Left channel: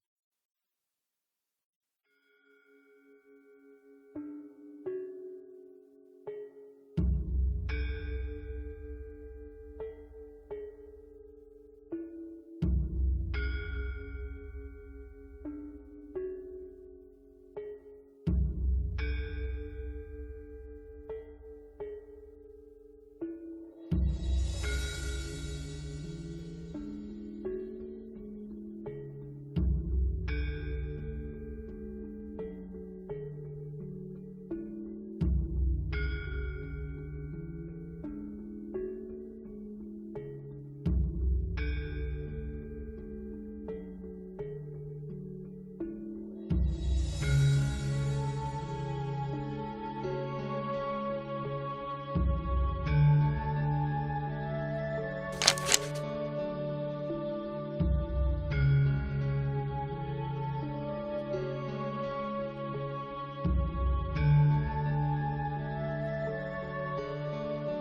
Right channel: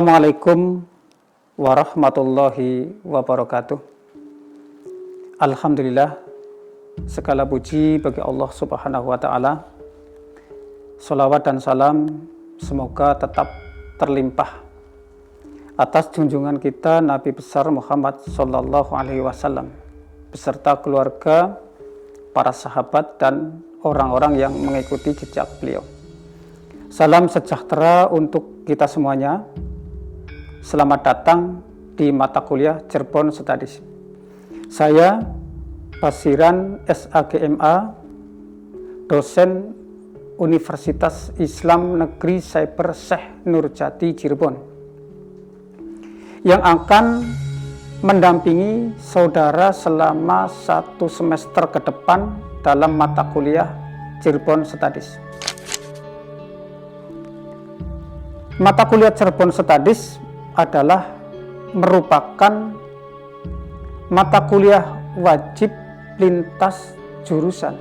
Assalamualaikum warahmatullahi wabarakatuh. Alhamdulillah, segala puji bagi Allah Subhanahu wa Ta'ala. Sholawat dan salam semoga tetap terlimpah atas junjungan kita Nabi besar Muhammad Sallallahu Alaihi Wasallam beserta keluarga, para sahabat dan orang-orang yang mengikuti jejak beliau. Salam sejahtera untuk kita semuanya. Selamat datang di mata kuliah Cirebon Studies. Saya Basiran SAGMA, dosen Universitas Islam Negeri Cyber Syekh Nurjati Cirebon, yang akan mendampingi saudara selama 1 semester ke depan dalam mata kuliah Cirebon Studies. Mata kuliah Cirebon Studies adalah merupakan mata kuliah wajib lintas jurusan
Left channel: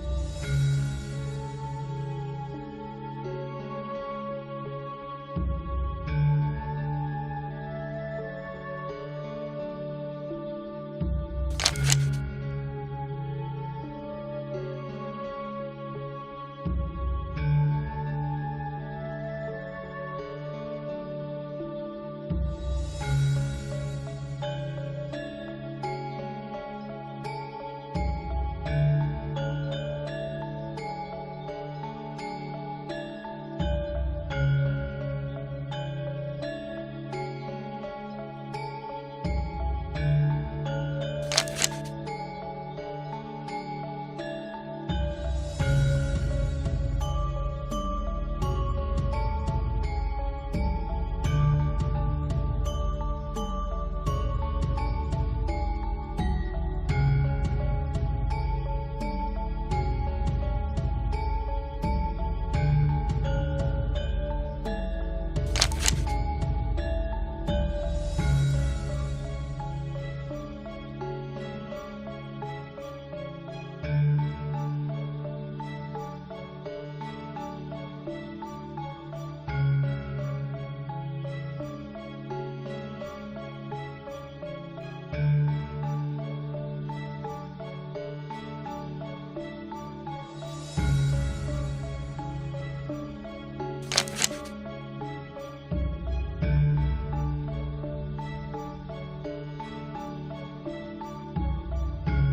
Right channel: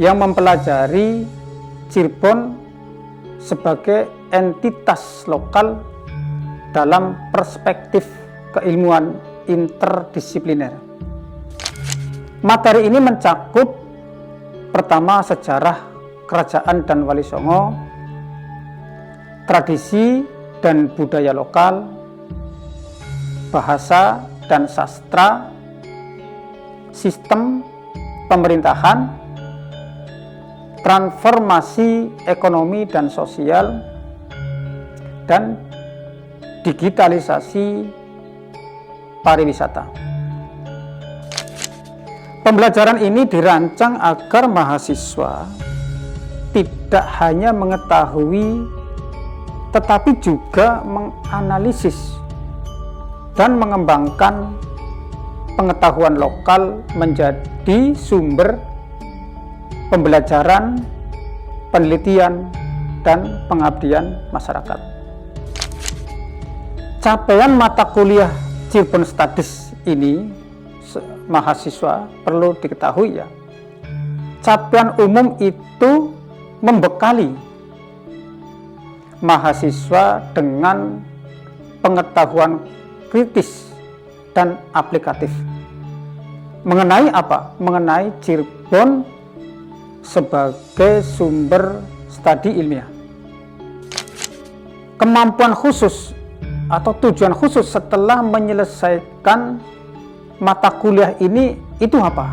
yang mempelajari Cirebon sebagai entitas lokal dalam perspektif keilmuan interdisipliner. Materi ini mencakup pertama sejarah kerajaan dan Wali Songo, tradisi dan budaya lokal, bahasa dan sastra, sistem pemerintahan, transformasi ekonomi dan sosial, dan digitalisasi pariwisata. Pembelajaran ini dirancang agar mahasiswa tidak hanya mengetahui tetapi juga menganalisis dan mengembangkan pengetahuan lokal menjadi sumber pembelajaran, penelitian, dan pengabdian masyarakat. Capaian mata kuliah Cirebon Studies ini mahasiswa perlu diketahui ya. Capaian umum itu membekali mahasiswa dengan pengetahuan kritis dan aplikatif. Mengenai apa? Mengenai Cirebon sebagai sumber studi ilmiah. Kemampuan khusus atau tujuan khusus setelah menyelesaikan mata kuliah ini itu apa?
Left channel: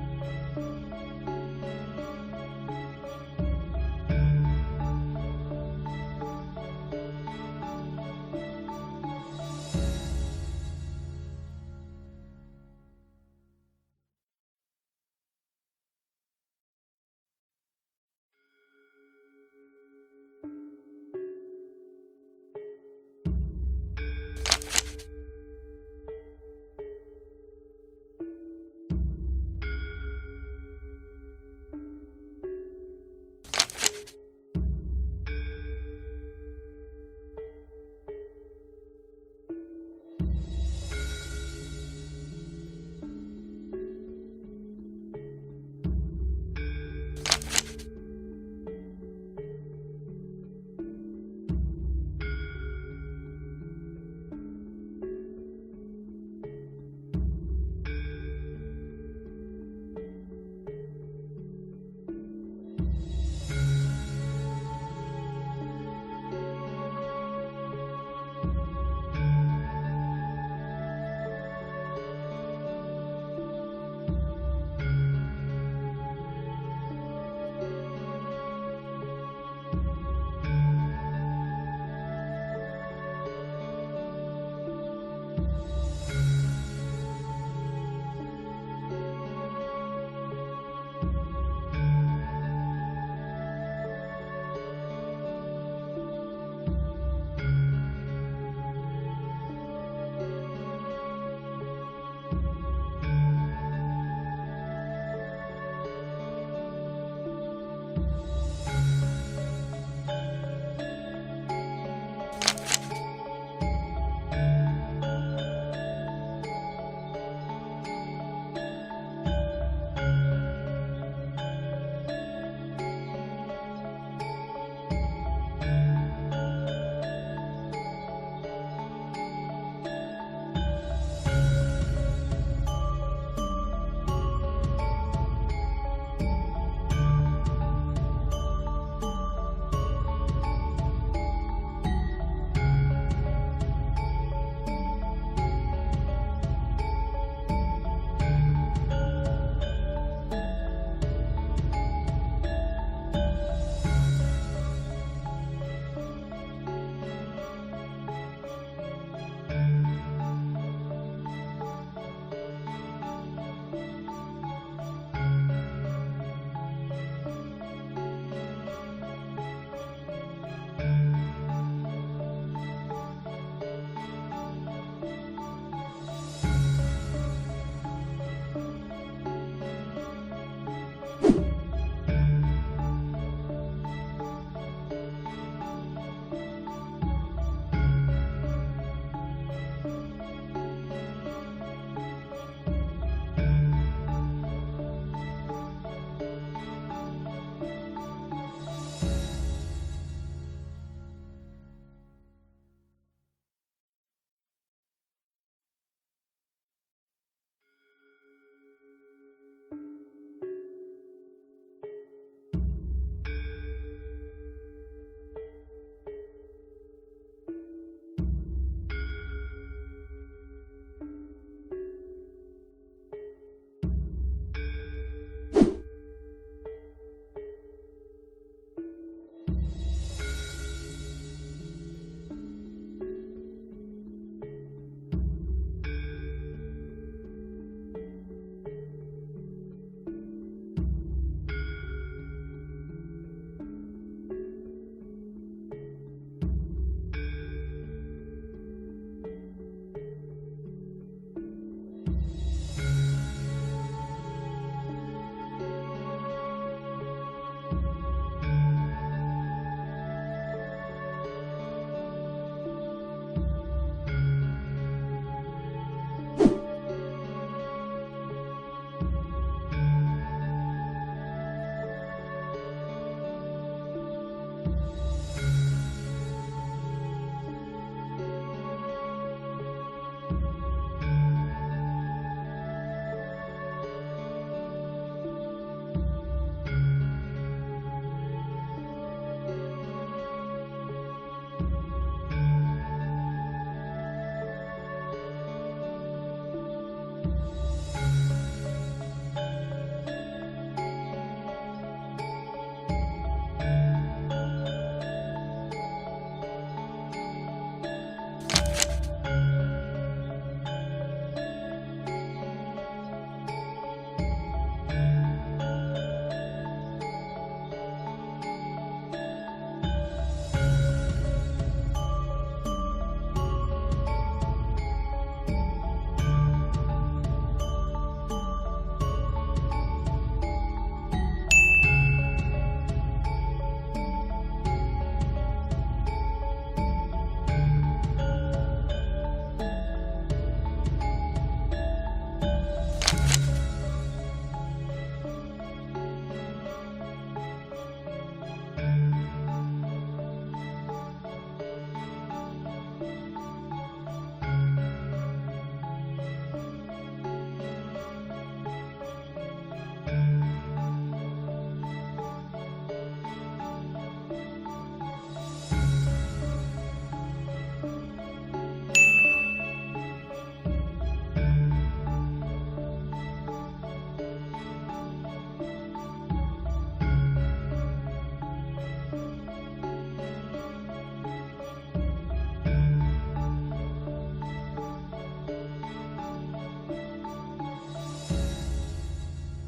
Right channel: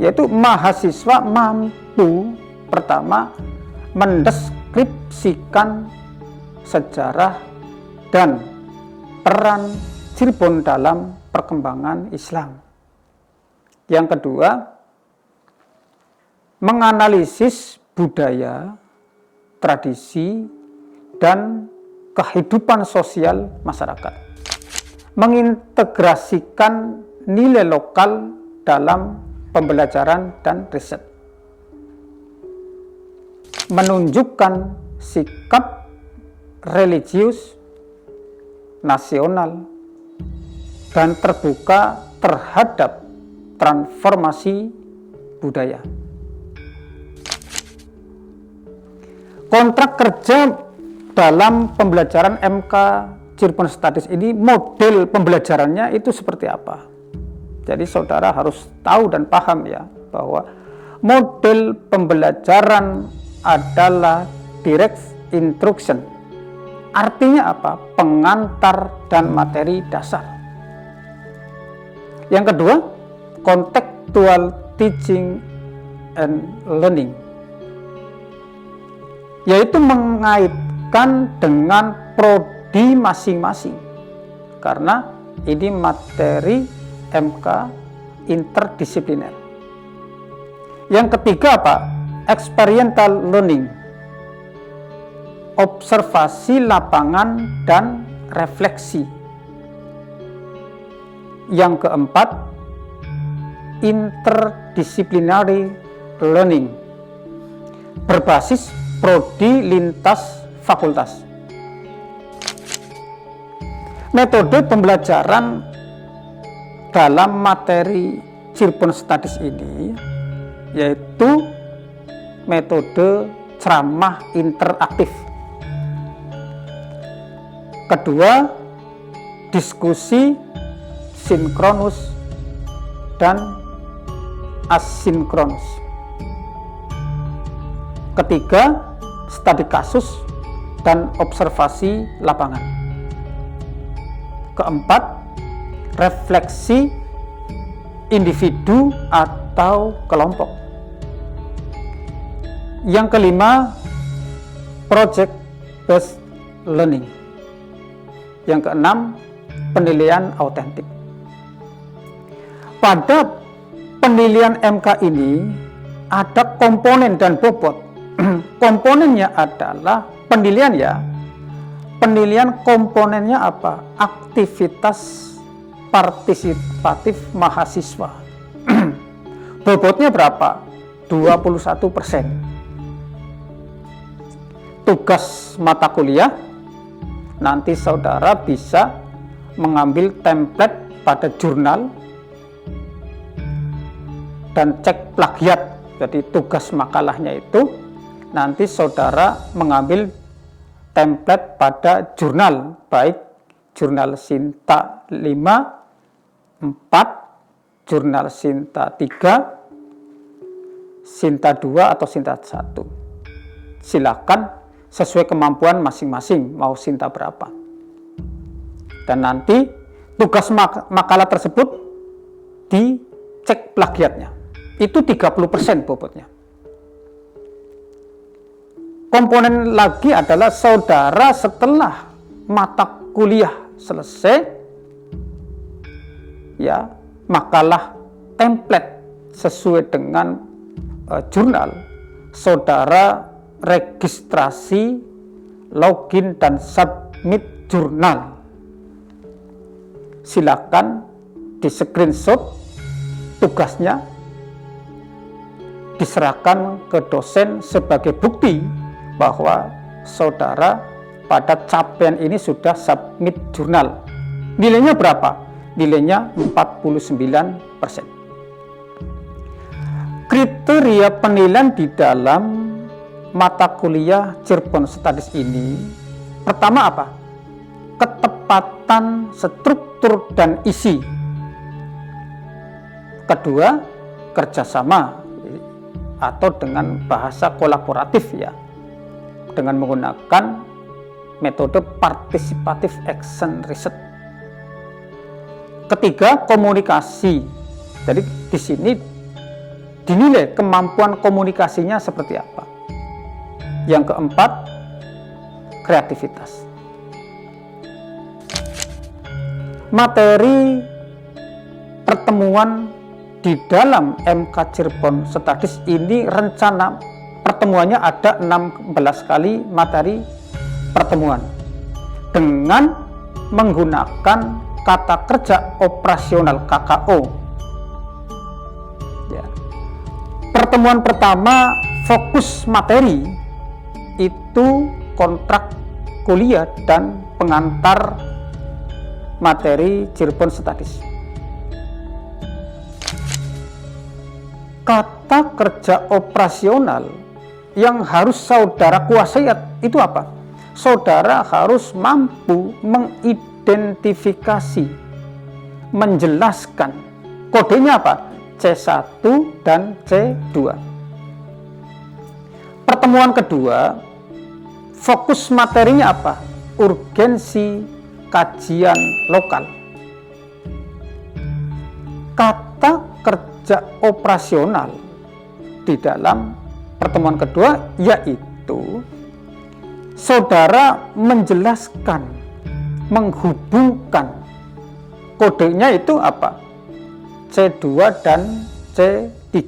Yaitu mahasiswa mampu pertama mendeskripsikan sejarah dan peran Cirebon dalam perkembangan Islam. Yang kedua, menganalisis budaya, tradisi, dan kehidupan sosial masyarakat. Mengintegrasikan nilai lokal dalam pembelajaran dan riset. Menunjukkan sikap religius, nasional, dan terbuka terhadap transformasi budaya. Kontrak kerja dalam pembelajaran MK Cirebon Studies ini, model pembelajarannya itu seperti apa? Jadi saudara harus tahu dan paham ya, bahwa model pembelajaran adalah direct instruction. Artinya apa? Pengantar dan materi dasar. Yang kedua, contextual teaching and learning, yaitu mengaitkan dengan prodi masing-masing, karena ini materi MK interdisipliner. Yang ketiga apa? Experiential learning, observasi lapangan dan refleksi. Yang keempat, interdisciplinary learning, berbasis prodi lintas fakultas. Metode pembelajaran dalam materi Cirebon Studies ini yaitu metode ceramah interaktif. Kedua, diskusi sinkronus dan asinkronus. Ketiga, studi kasus dan observasi lapangan. Keempat, refleksi individu atau kelompok. Yang kelima, project based learning. Yang keenam, penilaian autentik. Pada penilaian MK ini ada komponen dan bobot. Komponennya adalah penilaian ya. Penilaian komponennya apa? Aktivitas partisipatif mahasiswa. Bobotnya berapa? 21%. Tugas mata kuliah, nanti saudara bisa mengambil template pada jurnal dan cek plagiat. Jadi tugas makalahnya itu nanti saudara mengambil template pada jurnal, baik jurnal Sinta 5, 4, jurnal Sinta 3, Sinta 2 atau Sinta 1. Silakan sesuai kemampuan masing-masing, mau Sinta berapa. Dan nanti tugas makalah tersebut dicek plagiatnya. Itu 30% bobotnya. Komponen lagi adalah saudara setelah mata kuliah selesai, ya, makalah template sesuai dengan jurnal, saudara registrasi, login dan submit jurnal. Silakan di screenshot tugasnya, diserahkan ke dosen sebagai bukti bahwa saudara pada capaian ini sudah submit jurnal. Nilainya berapa? Nilainya 49%. Kriteria penilaian di dalam mata kuliah Cirebon Studies ini, pertama apa? Ketepatan struktur dan isi. Kedua, kerjasama atau dengan bahasa kolaboratif ya, dengan menggunakan metode participative action research. Ketiga, komunikasi. Jadi di sini dinilai kemampuan komunikasinya seperti apa. Yang keempat, kreativitas. Materi pertemuan di dalam MK Cirebon Studies ini rencana pertemuannya ada 16 kali materi pertemuan dengan menggunakan kata kerja operasional KKO. Ya. Pertemuan pertama fokus materi itu kontrak kuliah dan pengantar materi Cirebon Studies. Kata kerja operasional yang harus saudara kuasai itu apa? Saudara harus mampu mengidentifikasi, menjelaskan. Kodenya apa? C1 dan C2. Pertemuan kedua, fokus materinya apa? Urgensi kajian lokal. Kata kerja operasional di dalam pertemuan kedua yaitu saudara menjelaskan, menghubungkan. Kodenya itu apa? C2 dan C3.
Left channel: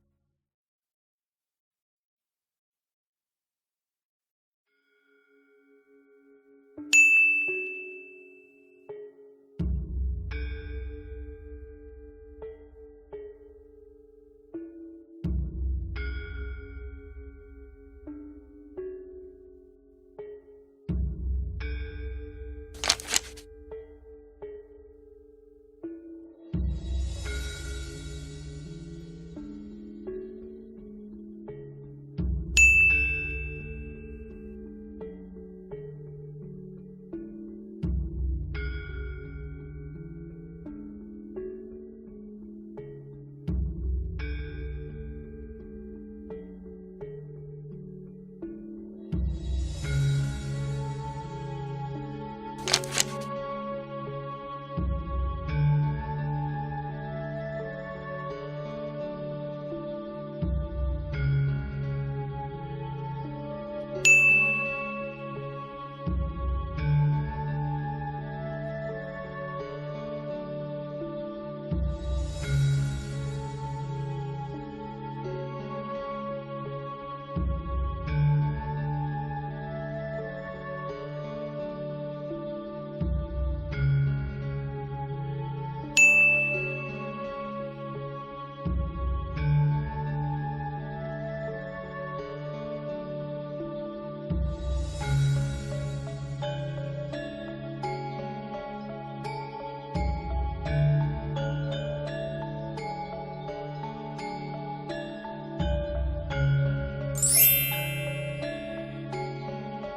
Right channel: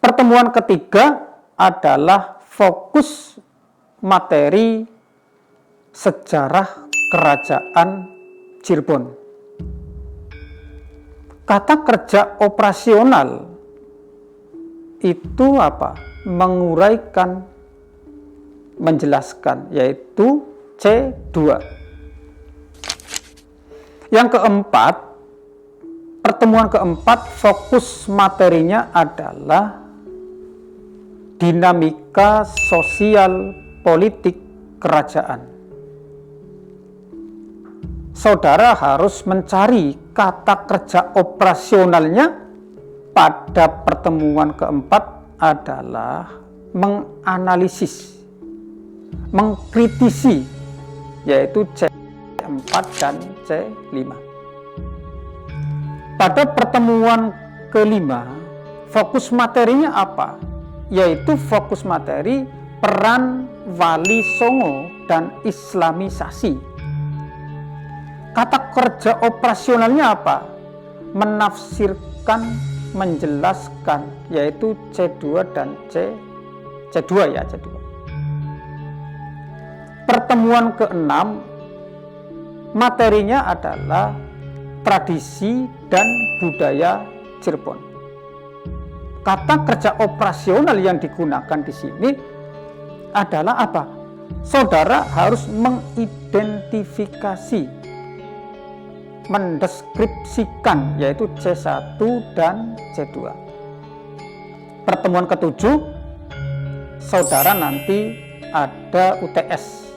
Pertemuan ketiga adalah fokus materi sejarah kerajaan Cirebon. Kata kerja operasional itu apa? Menguraikan, menjelaskan, yaitu C2. Yang keempat, pertemuan keempat fokus materinya adalah dinamika sosial politik kerajaan. saudara harus mencari kata kerja operasionalnya pada pertemuan keempat adalah menganalisis, mengkritisi, yaitu C4 dan C5. Pada pertemuan kelima, fokus materinya apa? Yaitu fokus materi peran Wali Songo dan Islamisasi. Kata kerja operasionalnya apa? Menafsirkan, menjelaskan, yaitu C2 dan C2 ya, C2. Pertemuan keenam, materinya adalah tradisi dan budaya Cirebon. Kata kerja operasional yang digunakan di sini adalah apa? Saudara harus mengidentifikasi, mendeskripsikan, yaitu C1 dan C2. Pertemuan ketujuh, saudara nanti ada UTS.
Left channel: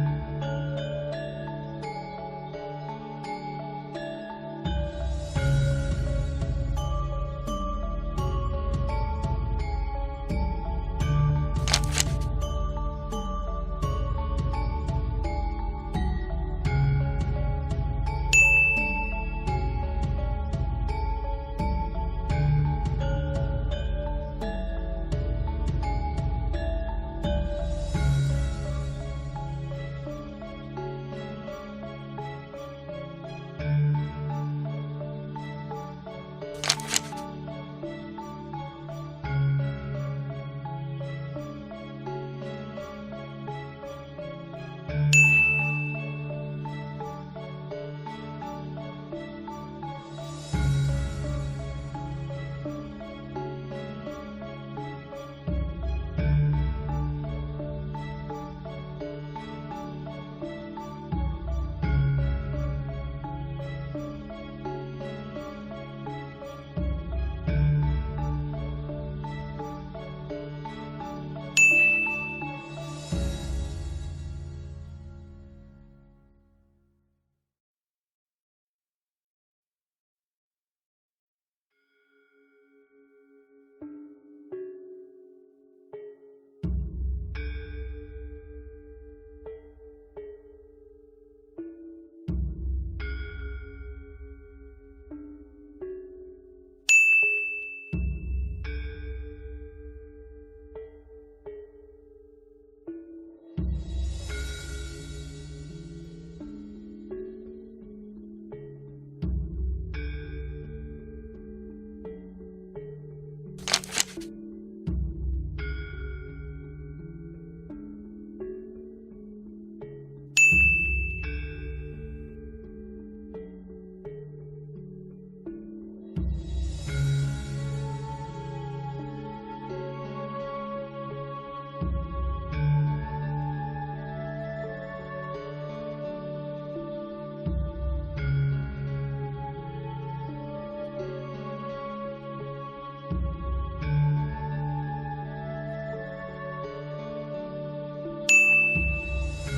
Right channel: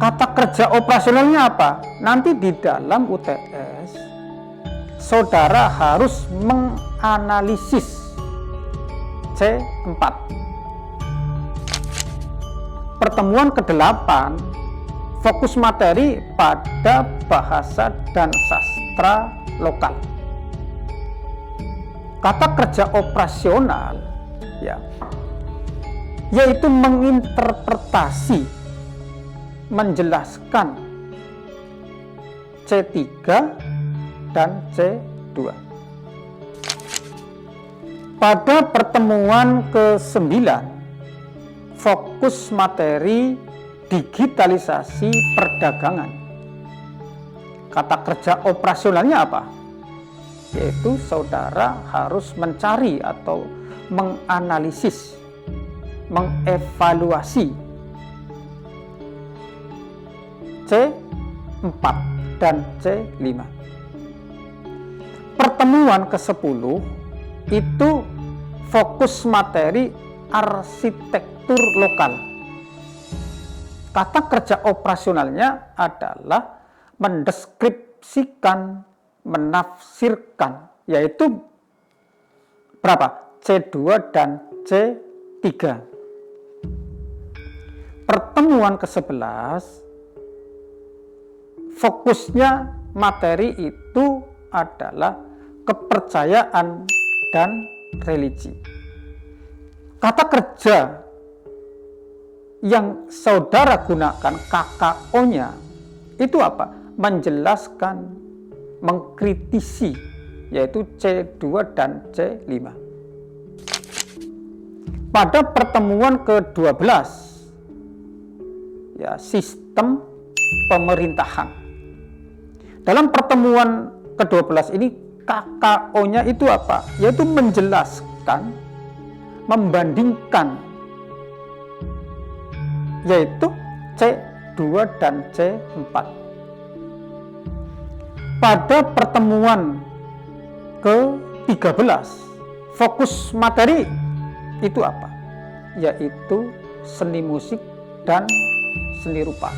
Kata kerja operasionalnya apa? Nanti di dalam UTS, saudara harus menganalisis C4. Pertemuan ke-8, fokus materi pada bahasa dan sastra lokal. Kata kerja operasional ya, yaitu menginterpretasi, menjelaskan C3 dan C2. Pada pertemuan ke-9, fokus materi digitalisasi perdagangan. Kata kerja operasionalnya apa? Yaitu saudara harus mencari atau menganalisis, mengevaluasi C4 dan C5. Pertemuan ke-10 itu fokus materi arsitektur lokal. Kata kerja operasionalnya adalah mendeskripsikan, menafsirkan, yaitu berapa? C2 dan C3. Pertemuan ke-11, fokusnya materi itu adalah kepercayaan dan religi. Kata kerja yang saudara gunakan KKO-nya itu apa? Menjelaskan, mengkritisi, yaitu C2 dan C5. Pada pertemuan ke-12 ya, sistem pemerintahan. Dalam pertemuan ke-12 ini KKO-nya itu apa? Yaitu menjelaskan, membandingkan, yaitu C2 dan C4. Pada pertemuan ke-13, fokus materi itu apa? Yaitu seni musik dan seni rupa.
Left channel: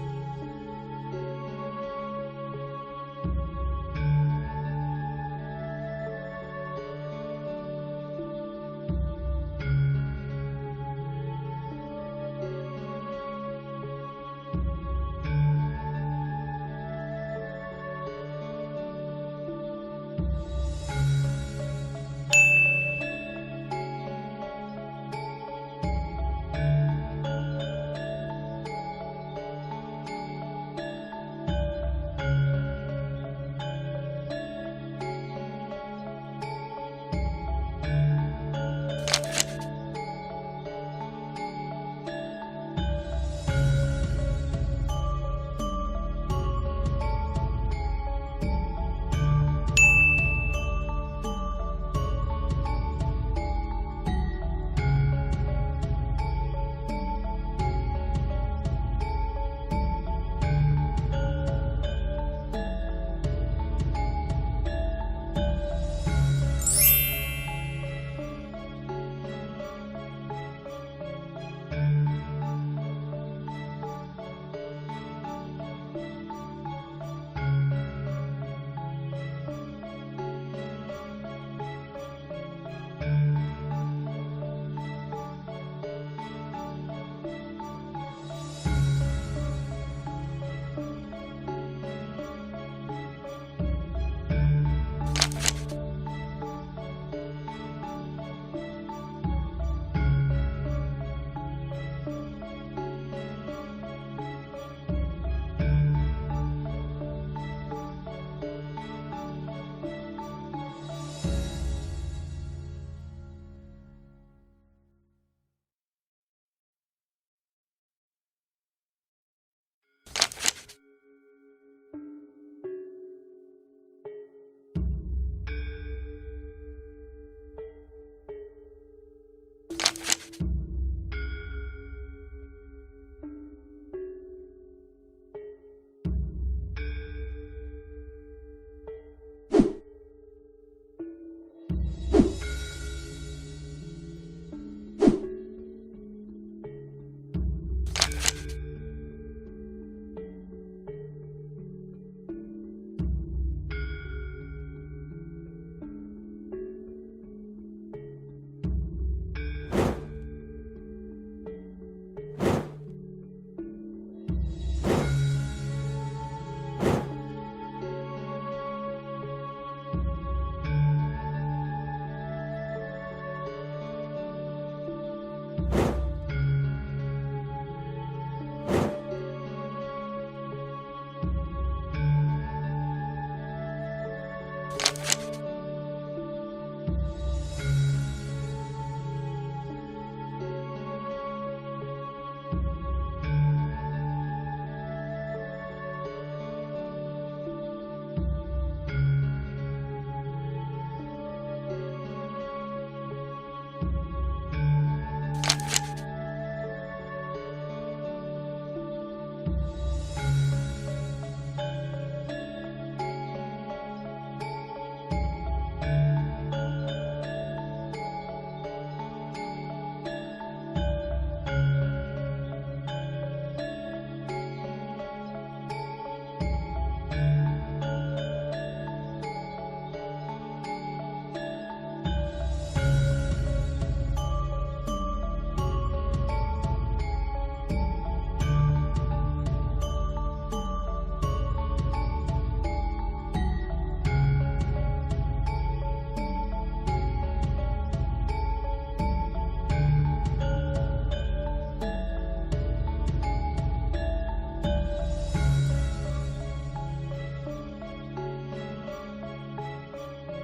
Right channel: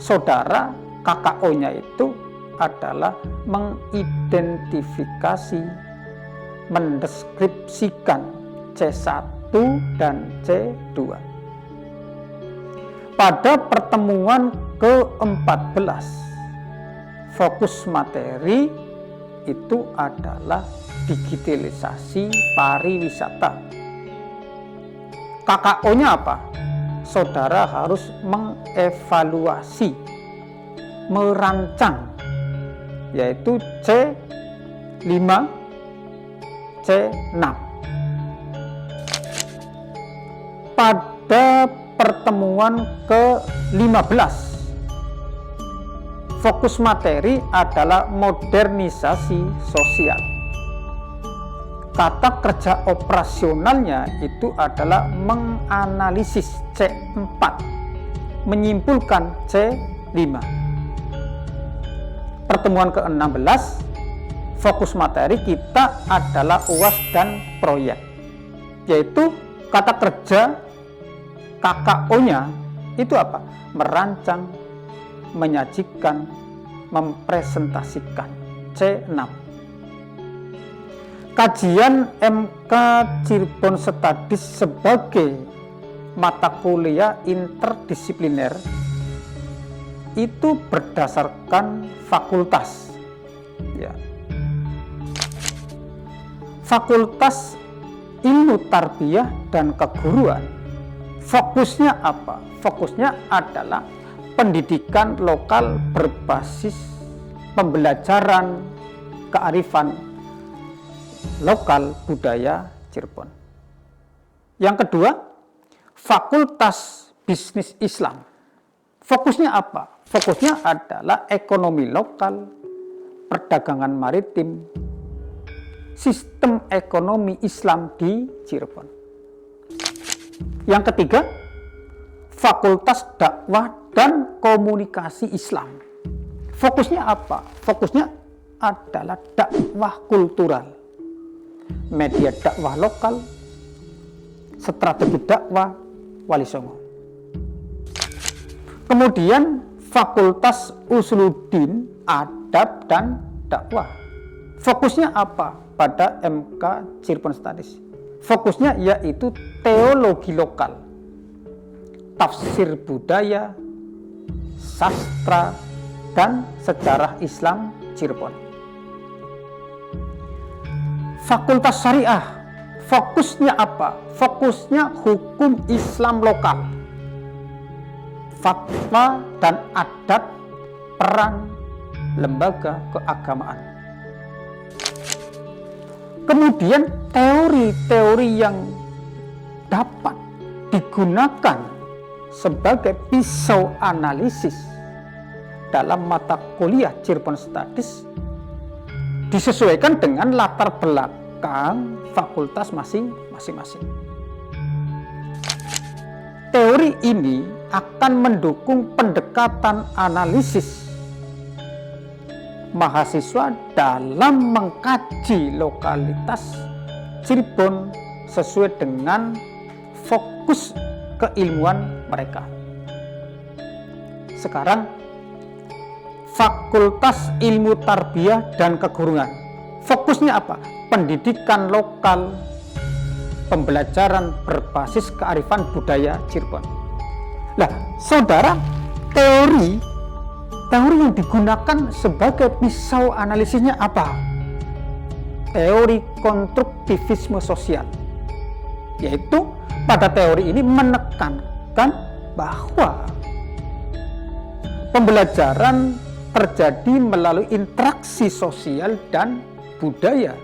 Saudara, KKO-nya itu adalah mengidentifikasi, mendeskripsikan C1 dan C2. Pada pertemuan ke-14, fokus materi itu adalah digitalisasi pariwisata. KKO-nya apa? Saudara harus mengevaluasi, merancang, yaitu C5, C6. Pada pertemuan ke-15, fokus materi adalah modernisasi sosial. Kata kerja operasionalnya itu adalah menganalisis C4, menyimpulkan C5. Pertemuan ke-16, fokus materi kita adalah UAS dan proyek, yaitu kata kerja KKO-nya itu apa? Merancang, menyajikan, mempresentasikan. C6. Kajian MK Cirebon Studies sebagai mata kuliah interdisipliner itu berdasarkan fakultas. Ya. Fakultas Ilmu Tarbiyah dan Keguruan. Fokusnya apa? Fokusnya adalah pendidikan lokal berbasis pembelajaran kearifan lokal budaya Cirebon. Yang kedua, Fakultas Bisnis Islam. Fokusnya apa? Fokusnya adalah ekonomi lokal, perdagangan maritim, sistem ekonomi Islam di Cirebon. Yang ketiga, Fakultas Dakwah dan Komunikasi Islam. Fokusnya apa? Fokusnya adalah dakwah kultural, media dakwah lokal, strategi dakwah Wali Songo. Kemudian Fakultas Usuluddin, Adab dan Dakwah. Fokusnya apa pada MK Cirebon Studies? Fokusnya yaitu teologi lokal, tafsir budaya, sastra, dan sejarah Islam Cirebon. Fakultas Syariah, fokusnya apa? Fokusnya hukum Islam lokal, fatwa dan adat, peran lembaga keagamaan. Kemudian teori-teori yang dapat digunakan sebagai pisau analisis dalam mata kuliah Cirebon Studies disesuaikan dengan latar belakang fakultas masing-masing. Teori ini akan mendukung pendekatan analisis mahasiswa dalam mengkaji lokalitas Cirebon sesuai dengan fokus keilmuan mereka. Sekarang Fakultas Ilmu Tarbiyah dan Keguruan. Fokusnya apa? Pendidikan lokal, pembelajaran berbasis kearifan budaya Cirebon. Nah, saudara, teori yang digunakan sebagai pisau analisisnya apa? Teori konstruktivisme sosial. Yaitu pada teori ini menekankan bahwa pembelajaran terjadi melalui interaksi sosial dan budaya.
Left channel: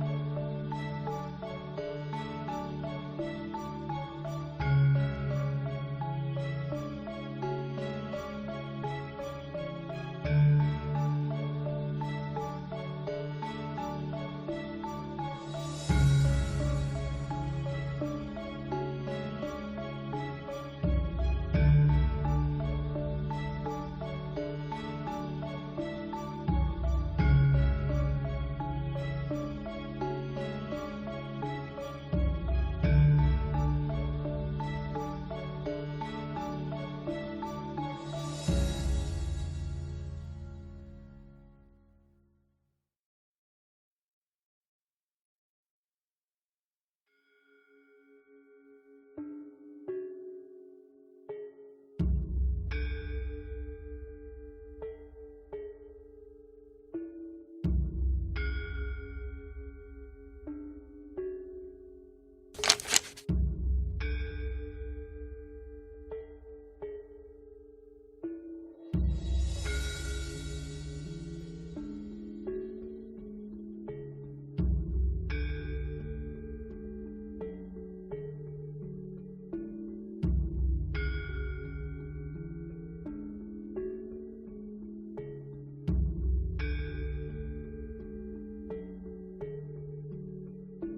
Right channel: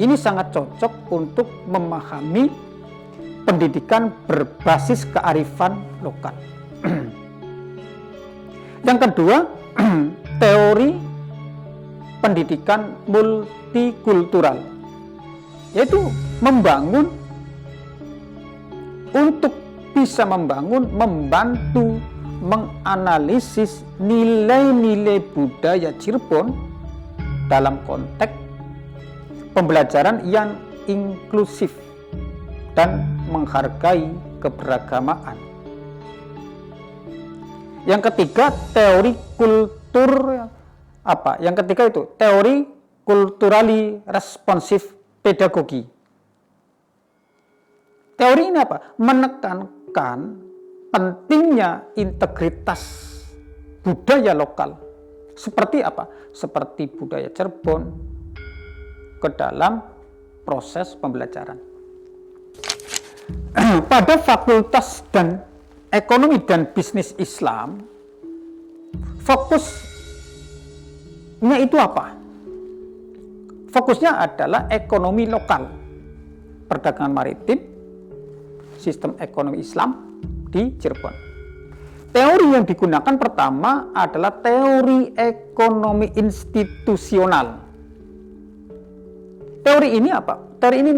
Ini sangat cocok untuk memahami pendidikan berbasis kearifan lokal. Yang kedua, teori pendidikan multikultural, yaitu membantu menganalisis nilai-nilai budaya Cirebon dalam konteks pembelajaran yang inklusif dan menghargai keberagamaan. Yang ketiga, teori kultur apa? Yang ketiga itu teori kulturally responsif pedagogi. Teori ini apa? Menekankan pentingnya integritas budaya lokal. Seperti apa? Seperti budaya Cirebon ke dalam proses pembelajaran. Pada Fakultas dan Ekonomi dan Bisnis Islam, fokusnya itu apa? Fokusnya adalah ekonomi lokal, perdagangan maritim, sistem ekonomi Islam di Cirebon. Teori yang digunakan pertama adalah teori ekonomi institusional. Teori ini apa? Teori ini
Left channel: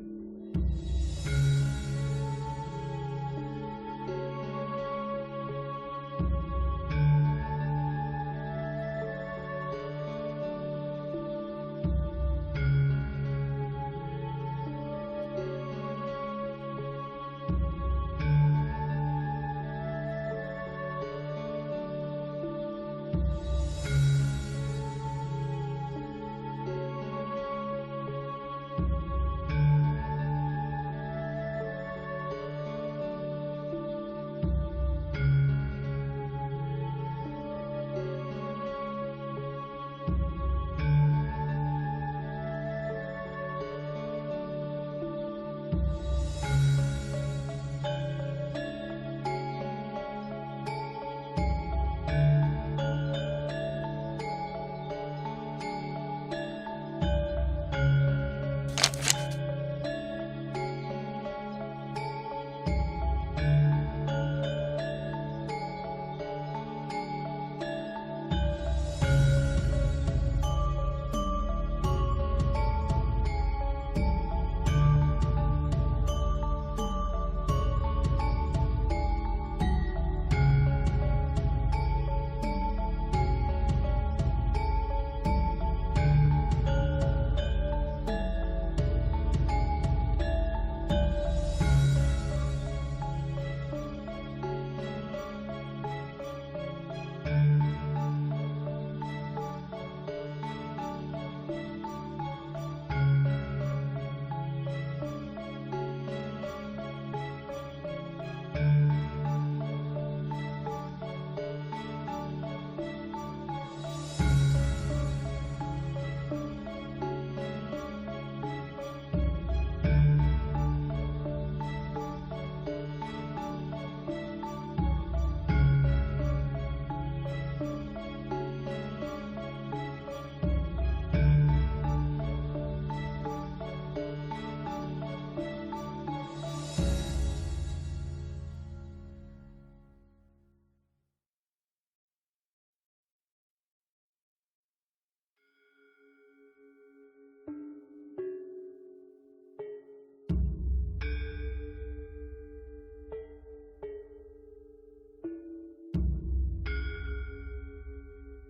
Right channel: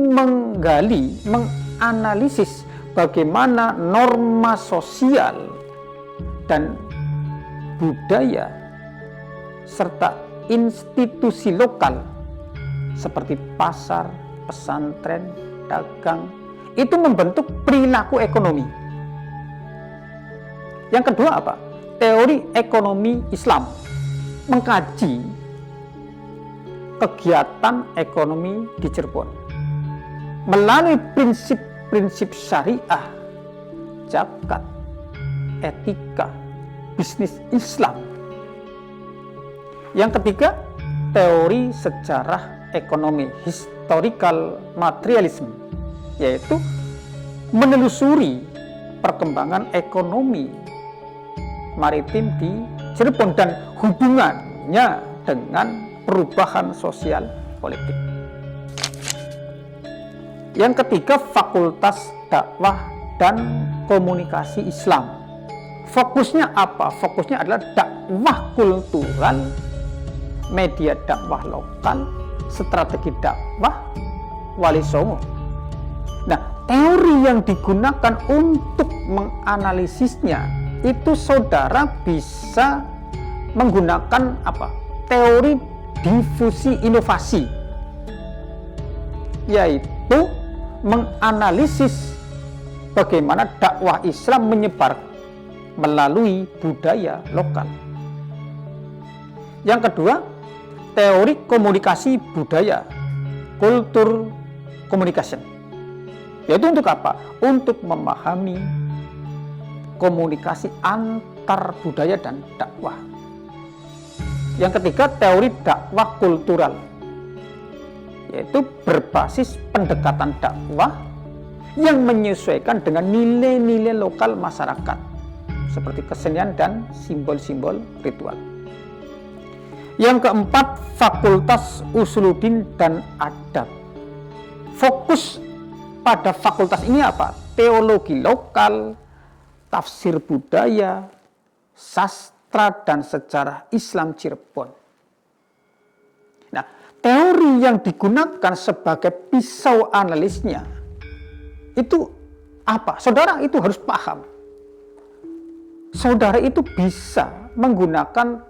menganalisis bagaimana norma sosial dan budaya serta institusi lokal seperti pasar, pesantren, dagang itu membentuk perilaku ekonomi. Yang kedua apa? teori ekonomi Islam, mengkaji kegiatan ekonomi di Cirebon melalui prinsip-prinsip syariah, zakat, etika, bisnis Islam. Yang ketiga, teori sejarah ekonomi, historical materialism, yaitu menelusuri perkembangan ekonomi maritim di Cirebon dan hubungannya dengan perubahan sosial politik. Yang ketiga, Fakultas Dakwah dan Komunikasi Islam. Fokusnya apa? Fokusnya adalah dakwah kultural, media dakwah lokal, strategi dakwah, wali songo. Nah, teori yang digunakan untuk menganalisisnya itu saudara bisa menggunakan apa? Teori difusi inovasi, yaitu menganalisis bagaimana dakwah Islam menyebar melalui budaya lokal. Yang kedua, teori komunikasi budaya, culture communication, yaitu untuk apa? Untuk memahami komunikasi antar budaya dan dakwah. Yang ketiga, teori dakwah kultural, yaitu berbasis pendekatan dakwah yang menyesuaikan dengan nilai-nilai lokal masyarakat, seperti kesenian dan simbol-simbol ritual. Yang keempat, Fakultas Usuluddin dan Adab. Fokus pada fakultas ini apa? Teologi lokal, tafsir budaya, sastra dan sejarah Islam Cirebon. Nah, teori yang digunakan sebagai pisau analisnya itu apa? Saudara itu harus paham. Saudara itu bisa menggunakan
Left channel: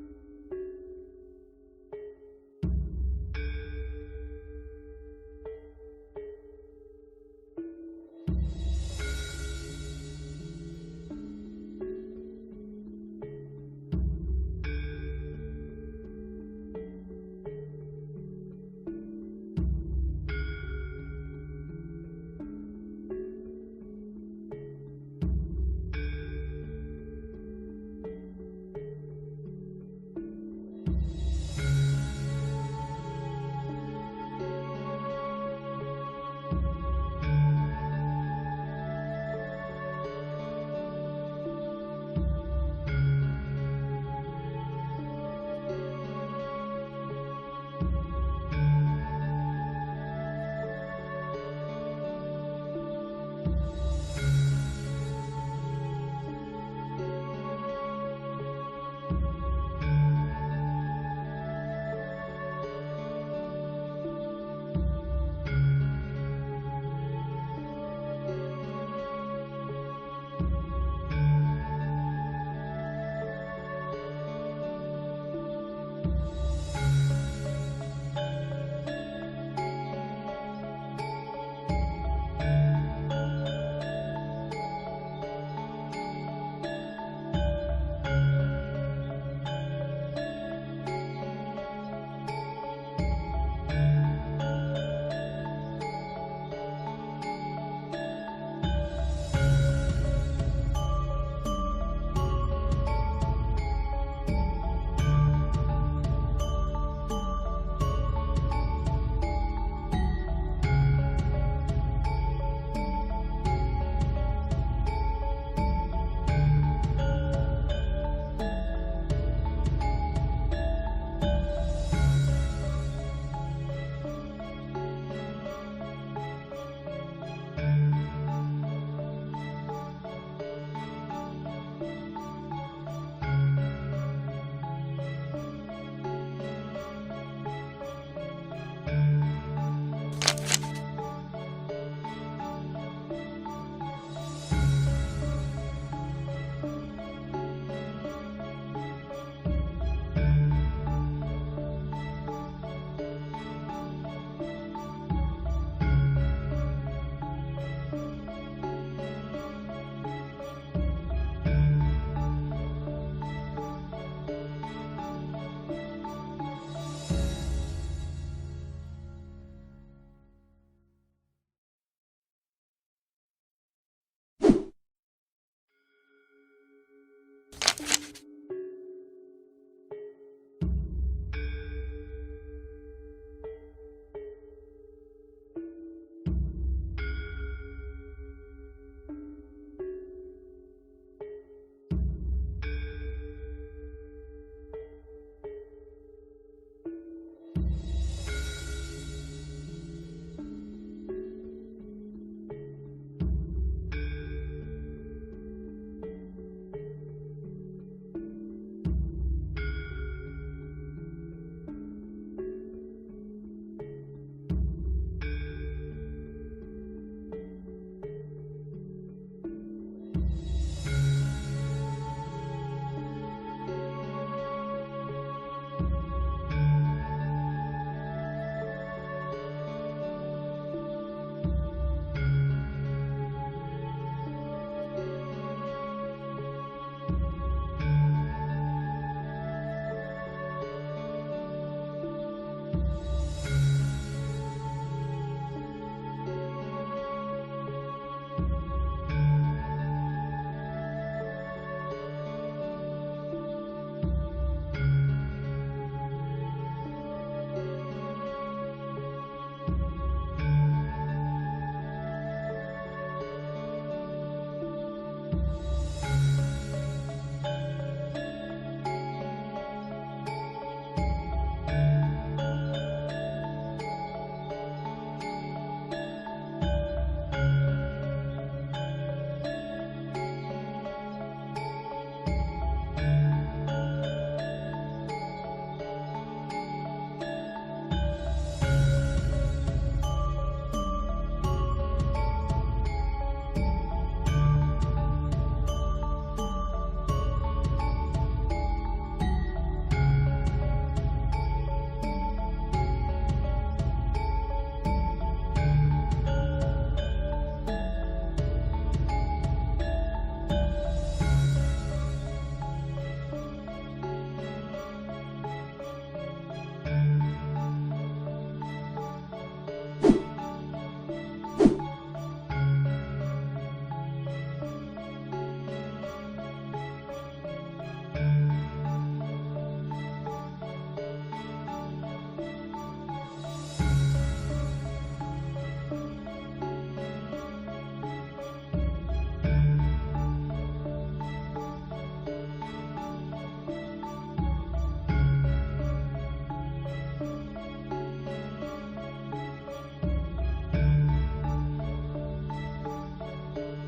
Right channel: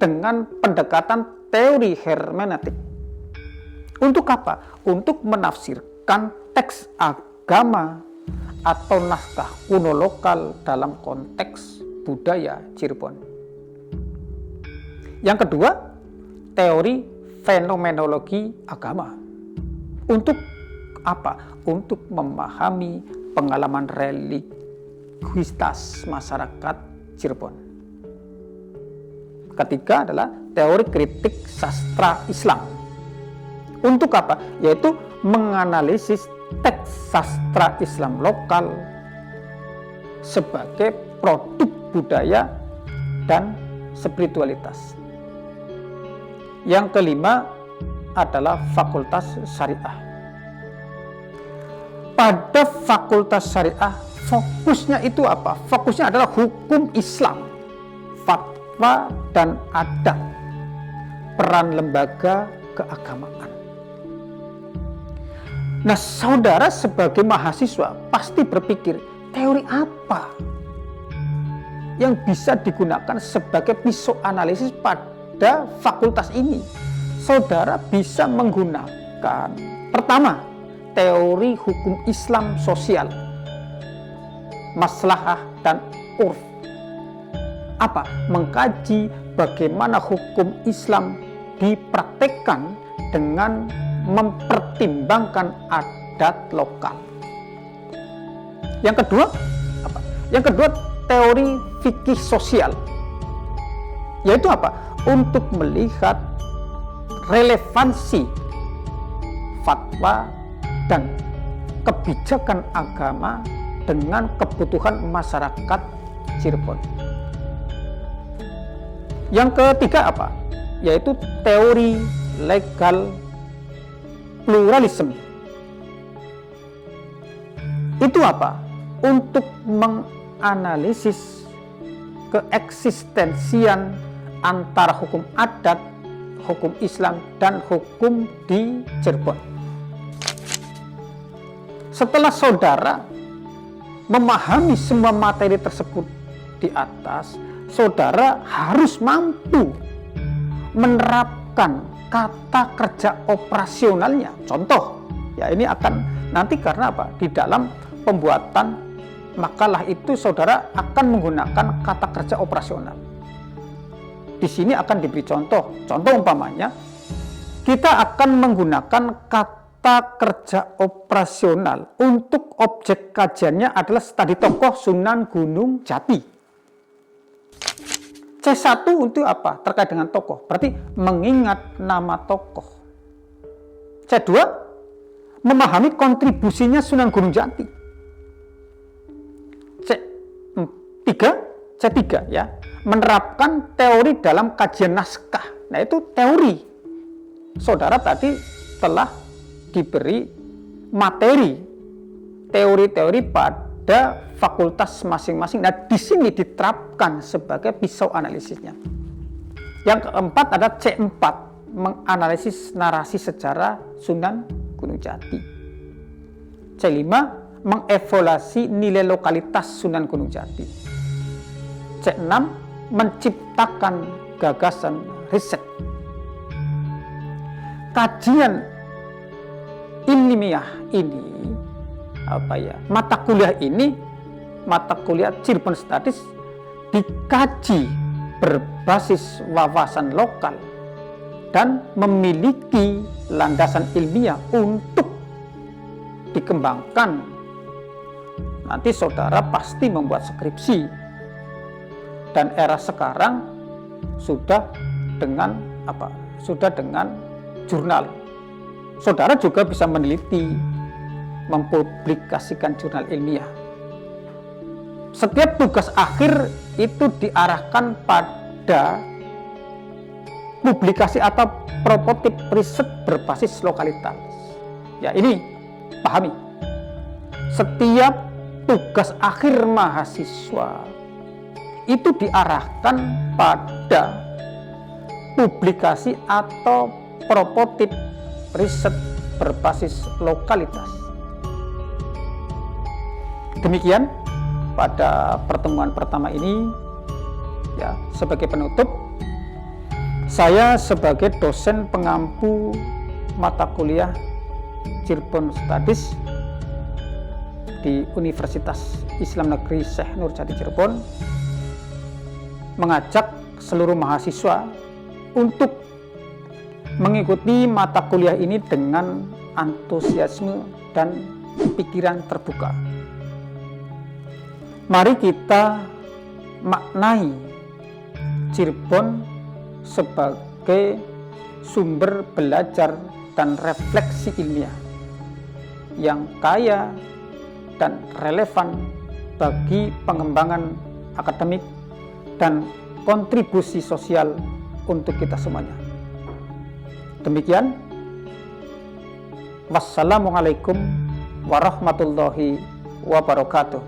dengan pendekatan teori hermeneutik. Untuk apa? Untuk menafsirkan teks agama atau naskah kuno lokal dalam konteks budaya Cirebon. Yang kedua, teori fenomenologi agama. Untuk apa? Untuk memahami pengalaman religiusitas masyarakat Cirebon. Ketiga adalah teori kritik sastra Islam. Untuk apa? Yaitu menganalisis teks sastra Islam lokal sebagai produk budaya dan spiritualitas. Yang kelima adalah Fakultas Syariah. Pada Fakultas Syariah, fokusnya itu apa? Fokusnya adalah hukum Islam, fatwa dan adab, peran lembaga keagamaan. Nah, saudara sebagai mahasiswa pasti berpikir, teori apa yang bisa digunakan sebagai pisau analisis pada fakultas ini? Saudara bisa menggunakan, pertama, teori hukum Islam sosial, maslahah dan urf. Apa? Mengkaji bagaimana hukum Islam dipraktekkan dengan mempertimbangkan adat lokal. Yang kedua, apa? Yang kedua, teori fikih sosial, yaitu apa? Untuk melihat relevansi fatwa dan kebijakan agama dengan kebutuhan masyarakat Cirebon. Yang ketiga apa? Yaitu teori legal pluralisme. Itu apa? Untuk menganalisis keeksistensian antara hukum adat, hukum Islam, dan hukum di Cirebon. Setelah saudara memahami semua materi tersebut di atas, saudara harus mampu menerapkan kata kerja operasionalnya. Contoh, ya ini akan nanti karena apa? Di dalam pembuatan makalah itu saudara akan menggunakan kata kerja operasional. Di sini akan diberi contoh. Contoh umpamanya, kita akan menggunakan kata kerja operasional untuk objek kajiannya adalah studi tokoh Sunan Gunung Jati. C1 untuk apa? Terkait dengan tokoh, berarti mengingat nama tokoh. C2, memahami kontribusinya Sunan Gunung Jati. C3 ya, menerapkan teori dalam kajian naskah. Nah, itu teori. Saudara tadi telah diberi materi teori-teori pada fakultas masing-masing. Nah, di sini diterapkan sebagai pisau analisisnya. Yang keempat ada C4, menganalisis narasi sejarah Sunan Gunung Jati. C5, mengevaluasi nilai lokalitas Sunan Gunung Jati. C6, menciptakan gagasan riset. Kajian ilmiah ini mata kuliah Cirebon Studies dikaji berbasis wawasan lokal dan memiliki landasan ilmiah untuk dikembangkan. Nanti saudara pasti membuat skripsi. Dan era sekarang sudah dengan jurnal. Saudara juga bisa meneliti, mempublikasikan jurnal ilmiah. Setiap tugas akhir itu diarahkan pada publikasi atau prototip riset berbasis lokalitas. Ya, ini pahami. Setiap tugas akhir mahasiswa itu diarahkan pada publikasi atau prototip riset berbasis lokalitas. Demikian pada pertemuan pertama ini, ya, sebagai penutup, saya sebagai dosen pengampu mata kuliah Cirebon Studies di Universitas Islam Negeri Syekh Nurjati Cirebon mengajak seluruh mahasiswa untuk mengikuti mata kuliah ini dengan antusiasme dan pikiran terbuka. Mari kita maknai Cirebon sebagai sumber belajar dan refleksi ilmiah yang kaya dan relevan bagi pengembangan akademik dan kontribusi sosial untuk kita semuanya. Demikian. Wassalamualaikum warahmatullahi wabarakatuh.